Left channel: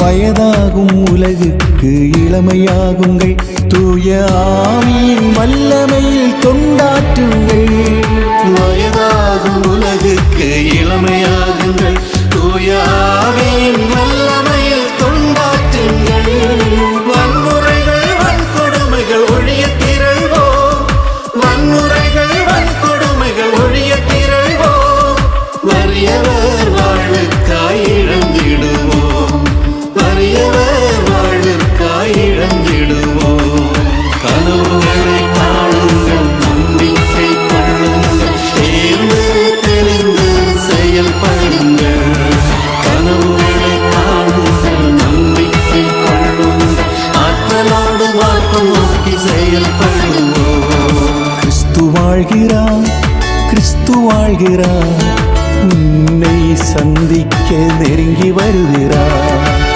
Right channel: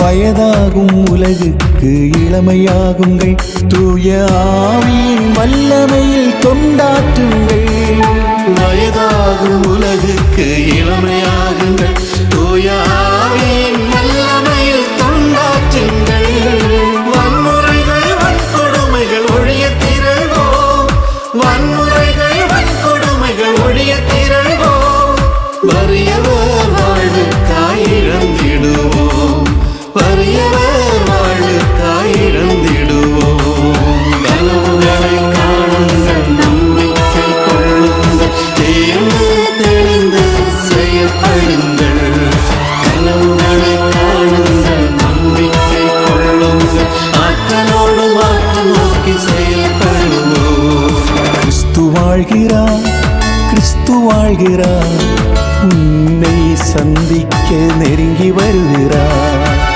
வயதாகும் உலகுக்கு இளமையாகுங்கள், தூய ஆவியின் வல்லமையில் தொண்டாற்றுங்கள். வயதாகும் உலகுக்கு இளமையாகுங்கள், தூய ஆவியின் வல்லமையில் தொண்டாற்றுங்கள். வன்முறைகள் வன்கொடுமைகள் ஒழியத் திரள்வோம், வன்முறைகள் வன்கொடுமைகள் ஒழியத் திரள்வோம். வறியவர் வாழ்வுக்காய் இழந்திடுவோம், வறியவர் வாழ்வுக்காய் இழந்திடுவோம். கனவுகளை காணுங்கள், நம்பிக்கை கொள்ளுங்கள், தீர்ந்து தெரிந்து செயல்படுங்கள். கனவுகளை காணுங்கள், நம்பிக்கை கொள்ளுங்கள், ஆற்றலோடு மாற்று நோக்கி செயல்படுவோம். கிறிஸ்து வாழ்கிறார், கிறிஸ்து வாழ்கிறார், உன்னை சந்திக்க நெருங்கி வருகிறார்.